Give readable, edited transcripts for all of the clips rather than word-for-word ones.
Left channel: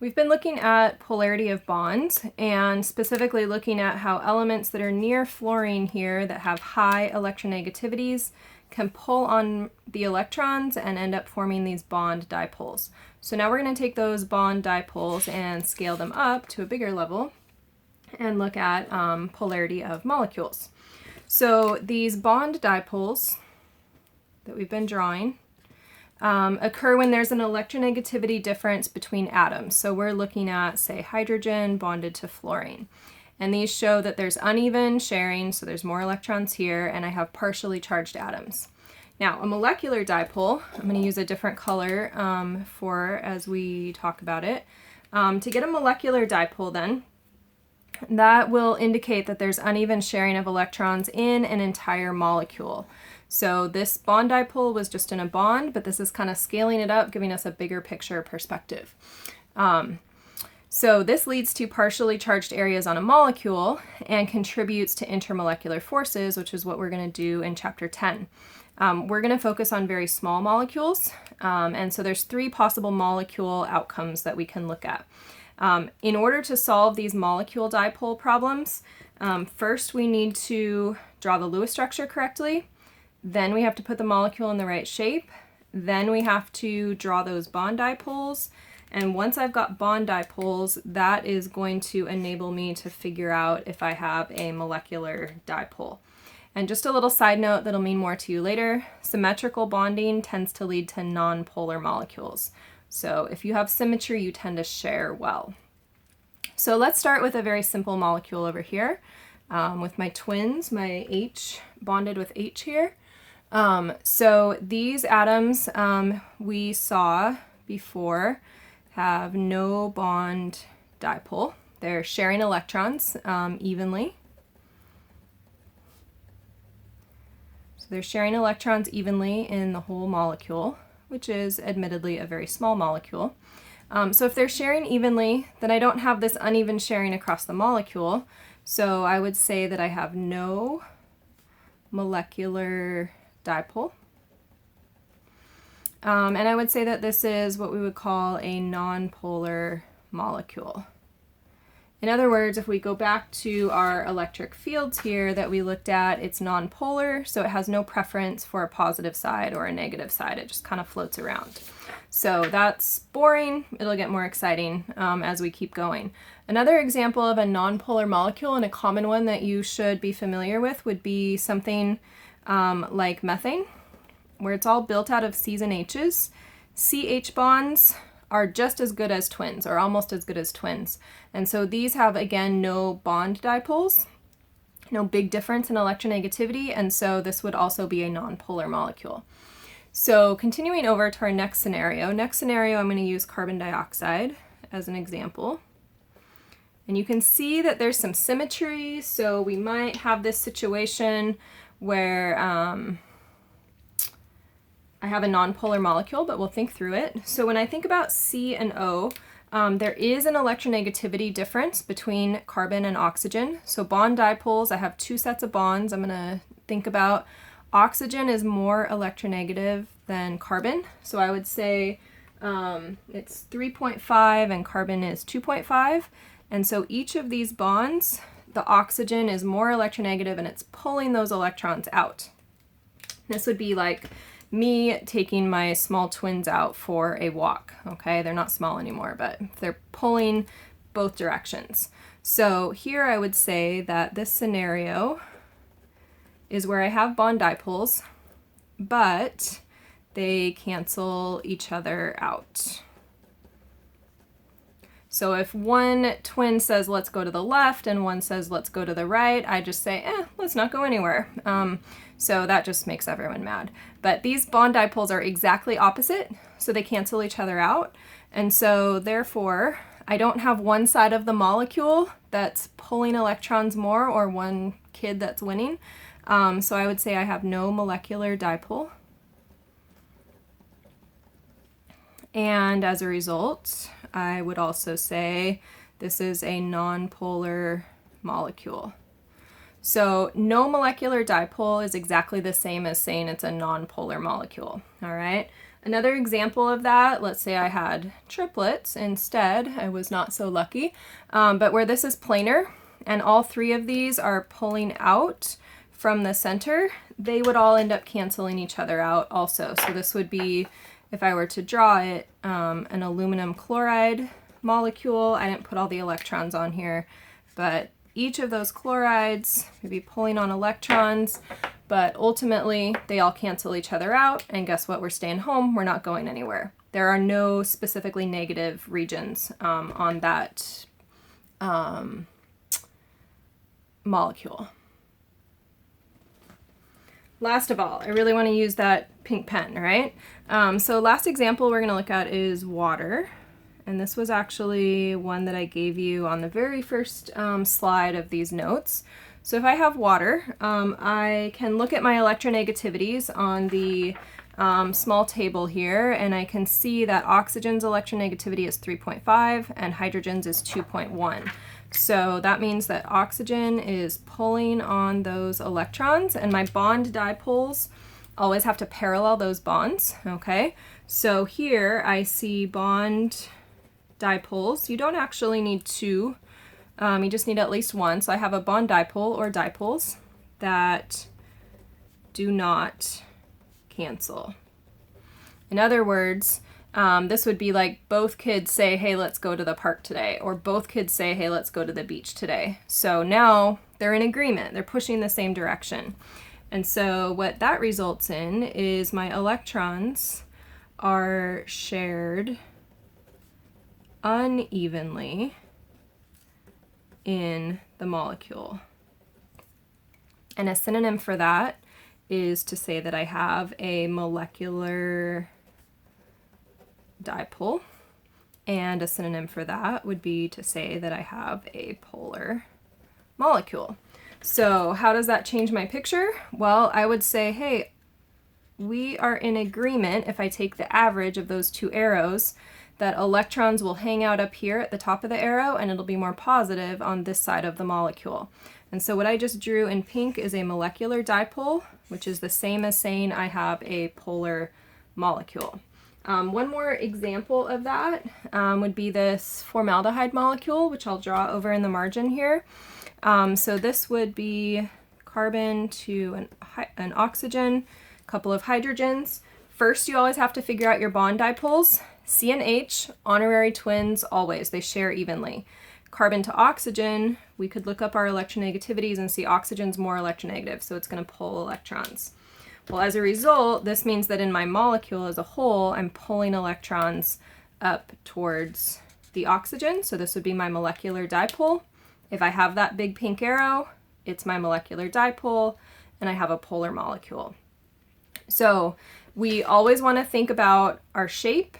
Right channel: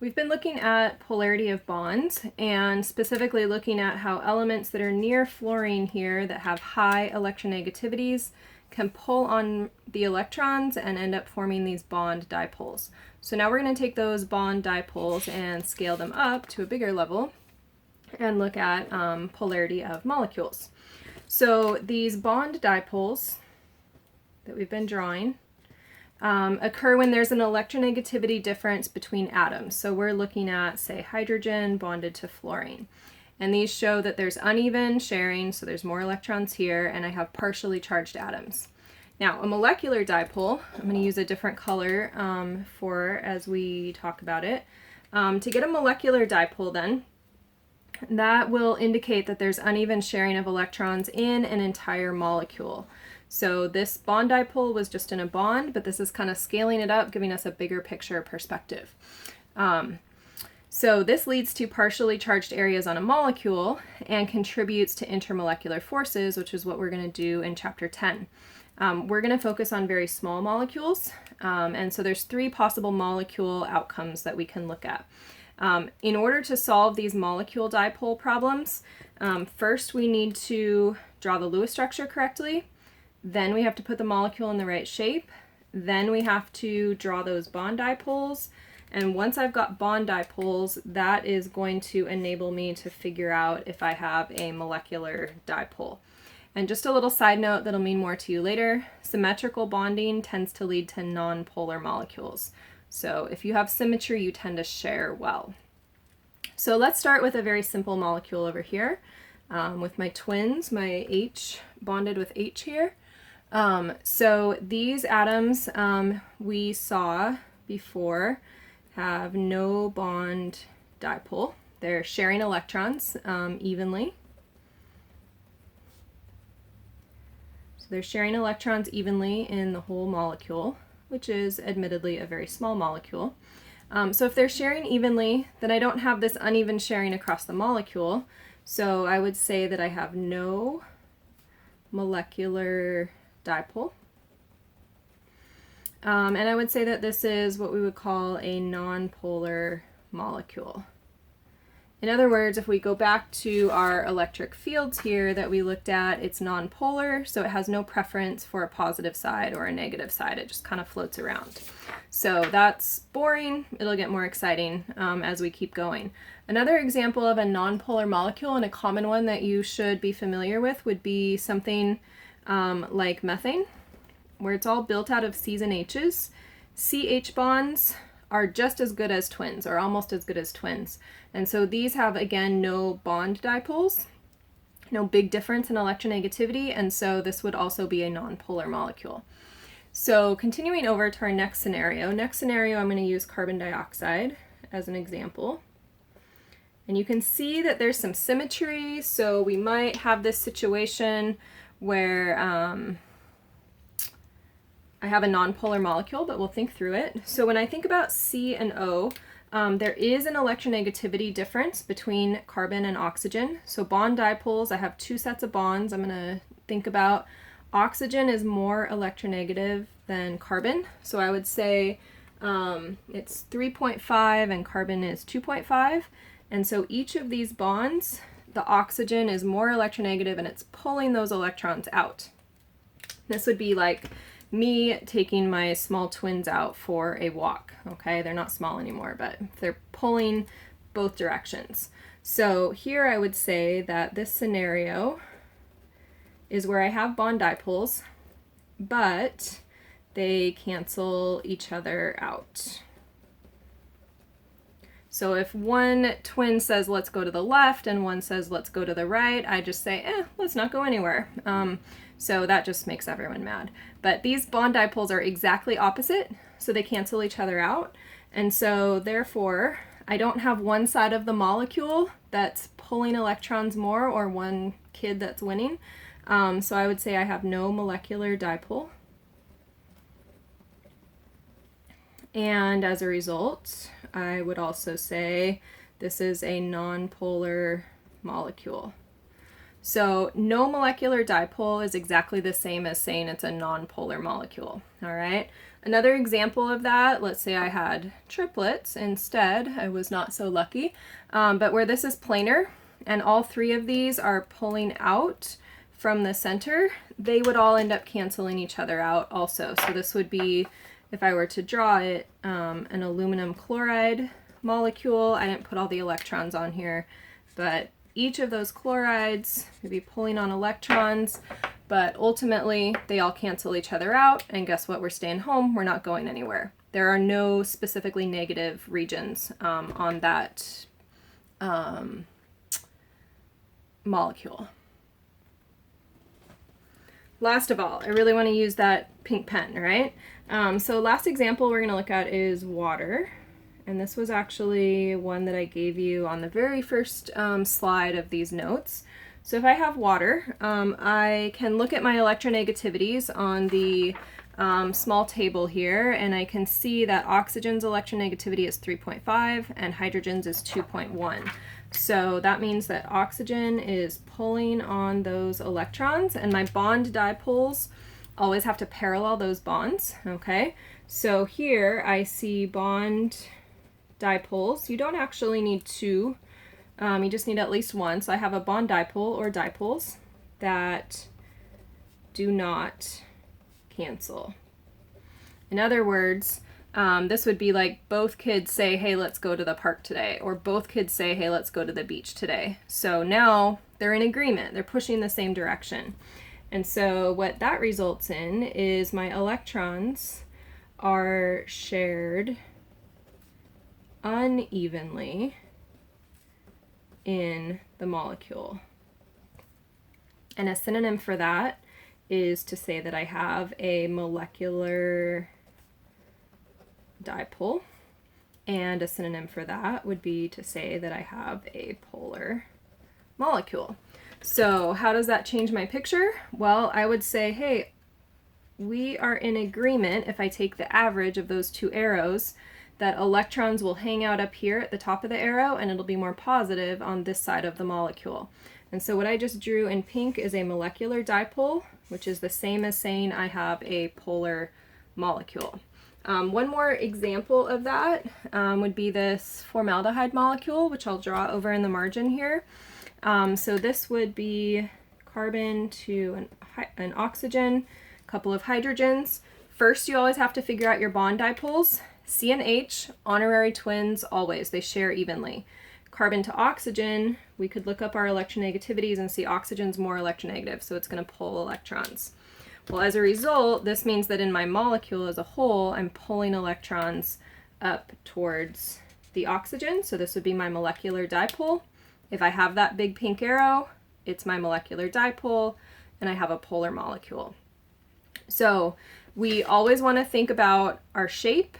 We've been looking at polarity of bonds and specifically looking at how elements that are near fluorine here that have high electronegativities can pull on the electrons and end up forming these bond dipoles. So now we're going to take those bond dipoles and scale them up to a bigger level and look at polarity of molecules. So these bond dipoles that we've been drawing occur when there's an electronegativity difference between atoms. So we're looking at, say, hydrogen bonded to fluorine. And these show that there's uneven sharing, so there's more electrons here, and I have partially charged atoms. Now, a molecular dipole, I'm going to use a different color for as we talk about it. To get a molecular dipole then, that will indicate that there's uneven sharing of electrons in an entire molecule. So this bond dipole was just in a bond, but this is kind of scaling it up, giving us a bigger picture perspective. So this leads to partially charged areas on a molecule and contributes to intermolecular forces, which is what we're going to do in Chapter 10. We're going to focus on very small molecules, and so there's 3 possible molecule outcomes that we can look at. In order to solve these molecule dipole problems, first we need to draw the Lewis structure correctly. Then we have to put the molecule in the right shape. Then we have to draw those bond dipoles. And once I've got bond dipoles, that is going to enable me to figure out if I have a molecular dipole. And just a little side note that'll mean more to you later, symmetrical bonding tends to lead to non-polar molecules. So if you have symmetry, you tend to share well. So let's start with a very simple molecule over here with my twins, my H bonded with H here. So these atoms we saw before have no bond dipole. They're sharing electrons evenly. So they're sharing electrons evenly in the whole molecule, which is admittedly a very small molecule. So if they're sharing evenly, then I don't have this uneven sharing across the molecule. So I would say that I have no molecular dipole. And I would say that this is what we would call a nonpolar molecule. In other words, if we go back to our electric fields here that we looked at, it's nonpolar, so it has no preference for a positive side or a negative side. It just kind of floats around. So that's boring. It'll get more exciting as we keep going. Another example of a nonpolar molecule, and a common one that you should be familiar with, would be something like methane, where it's all built out of C's and H's. CH bonds are just as good as twins, or almost as good as twins. And so these have, again, no bond dipoles, no big difference in electronegativity, and so this would also be a nonpolar molecule. So continuing over to our next scenario. Next scenario, I'm going to use carbon dioxide as an example. And you can see that there's some symmetry, so we might have this situation where I have a nonpolar molecule, but we'll think through it. So when I think about C and O, there is an electronegativity difference between carbon and oxygen. So bond dipoles, I have 2 sets of bonds. I'm going to think about oxygen is more electronegative than carbon. So I would say it's 3.5 and carbon is 2.5. And so each of these bonds, the oxygen is more electronegative and it's pulling those electrons out. This would be like me taking my small twins out for a walk, okay? They're not small anymore, but they're pulling both directions. So here I would say that this scenario is where I have bond dipoles, but they cancel each other out. So if one twin says, let's go to the left, and one says, let's go to the right, I just say, let's not go anywhere. So that just makes everyone mad. But these bond dipoles are exactly opposite, so they cancel each other out. And so therefore, I don't have one side of the molecule that's pulling electrons more or one kid that's winning. So I would say I have no molecular dipole. And as a result, I would also say this is a nonpolar molecule. So no molecular dipole is exactly the same as saying it's a nonpolar molecule, all right? Another example of that, let's say I had triplets instead, I was not so lucky, but where this is planar and all three of these are pulling out from the center, they would all end up canceling each other out also. So this would be, if I were to draw it, an aluminum chloride molecule. I didn't put all the electrons on here, but each of those chlorides would be pulling on electrons, but ultimately they all cancel each other out, and guess what? We're staying home, we're not going anywhere. There are no specifically negative regions on that molecule. Last of all, I really want to use that pink pen, right? So last example we're going to look at is water. And this was actually one that I gave you on the very first slide of these notes. So if I have water, I can look at my electronegativities on the small table here, and I can see that oxygen's electronegativity is 3.5 and hydrogen's is 2.1. So that means that oxygen is pulling on those electrons, and my bond dipoles always have to parallel those bonds, okay? So here I see bond dipoles. You don't actually need two, you just need at least one. So I have a bond dipole or dipoles that do not cancel. In other words, this would be like both kids say, hey, let's go to the park today, or both kids say, hey, let's go to the beach today. So now they're in agreement, they're pushing the same direction. And so what that results in is my electrons are shared unevenly in the molecule. And a synonym for that is to say that I have a molecular dipole, and a synonym for that would be to say that I have a polar molecule. So how does that change my picture? Well, I would say, hey, we are in agreement, if I take the average of those two arrows, that electrons will hang out up here at the top of the arrow, and it'll be more positive on this side of the molecule. And so what I just drew in pink is a molecular dipole, which is the same as saying I have a polar molecule. One more example of that would be this formaldehyde molecule, which I'll draw over in the margin here. So this would be carbon to an oxygen, a couple of hydrogens. First, you always have to figure out your bond dipoles. C and H, honorary twins, always. They share evenly. Carbon to oxygen, we could look up our electronegativities and see oxygen's more electronegative, so it's going to pull electrons. Well, as a result, this means that in my molecule as a whole, I'm pulling electrons up towards the oxygen, so this would be my molecular dipole. If I have that big pink arrow, it's my molecular dipole, and I have a polar molecule. So we always want to think about our shape,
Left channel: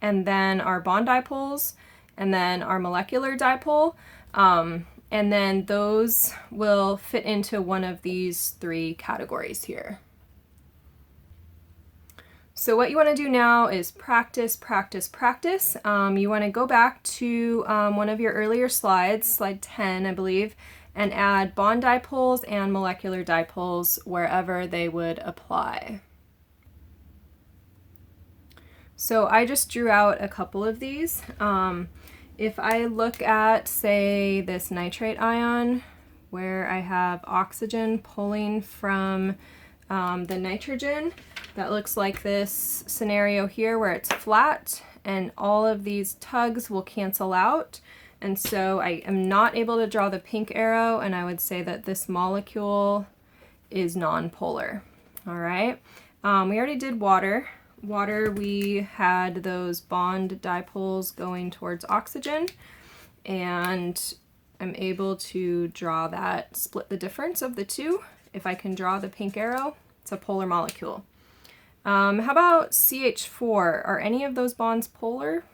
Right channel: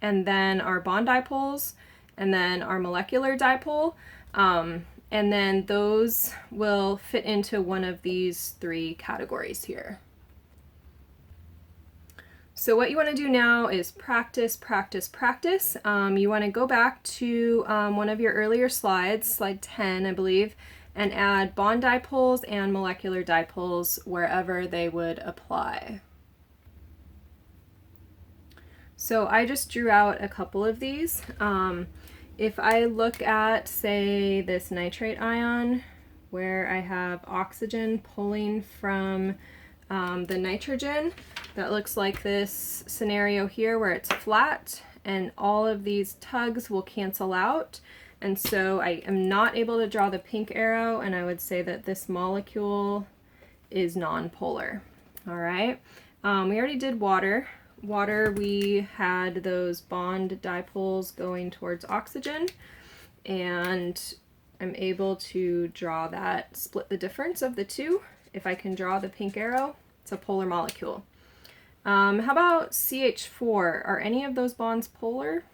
and then our bond dipoles, and then our molecular dipole, and then those will fit into one of these three categories here. So what you want to do now is practice, practice, practice. You want to go back to one of your earlier slides, slide 10, I believe, and add bond dipoles and molecular dipoles wherever they would apply. So I just drew out a couple of these. If I look at, say, this nitrate ion, where I have oxygen pulling from the nitrogen, that looks like this scenario here where it's flat and all of these tugs will cancel out. And so I am not able to draw the pink arrow, and I would say that this molecule is nonpolar. All right, we already did water. Water, we had those bond dipoles going towards oxygen, and I'm able to draw that, split the difference of the two. If I can draw the pink arrow, it's a polar molecule. How about CH4? Are any of those bonds polar?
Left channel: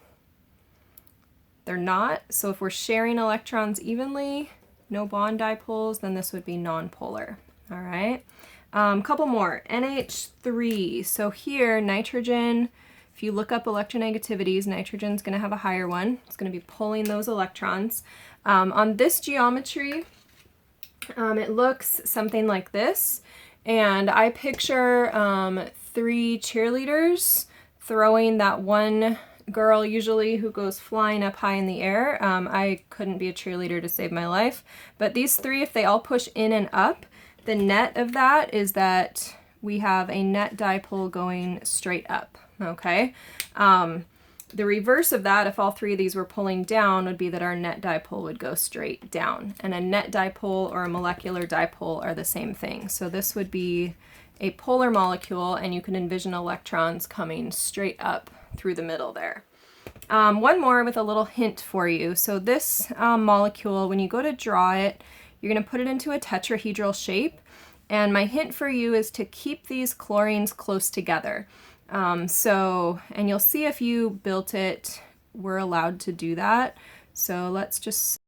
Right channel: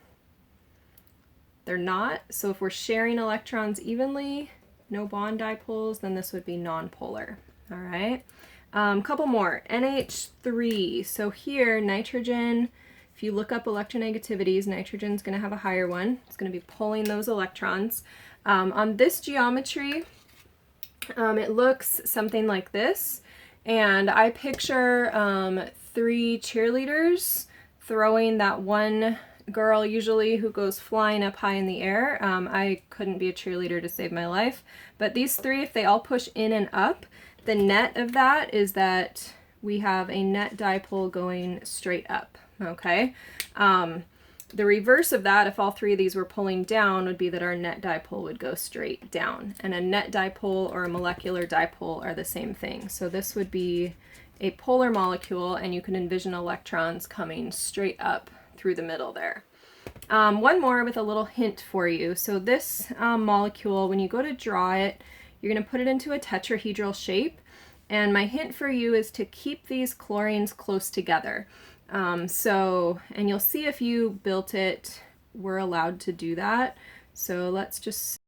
They're not. So if we're sharing electrons evenly, no bond dipoles, then this would be nonpolar. All right. Couple more. NH3. So here, nitrogen, if you look up electronegativities, nitrogen's going to have a higher one. It's going to be pulling those electrons. On this geometry, it looks something like this. And I picture 3 cheerleaders throwing that one girl usually who goes flying up high in the air. I couldn't be a cheerleader to save my life, but these three, if they all push in and up, the net of that is that we have a net dipole going straight up, okay? The reverse of that, if all three of these were pulling down, would be that our net dipole would go straight down. And a net dipole or a molecular dipole are the same thing. So this would be a polar molecule, and you can envision electrons coming straight up through the middle there. One more with a little hint for you. So this molecule, when you go to draw it, you're going to put it into a tetrahedral shape. And my hint for you is to keep these chlorines close together. And you'll see if you built it, we're allowed to do that. So let's just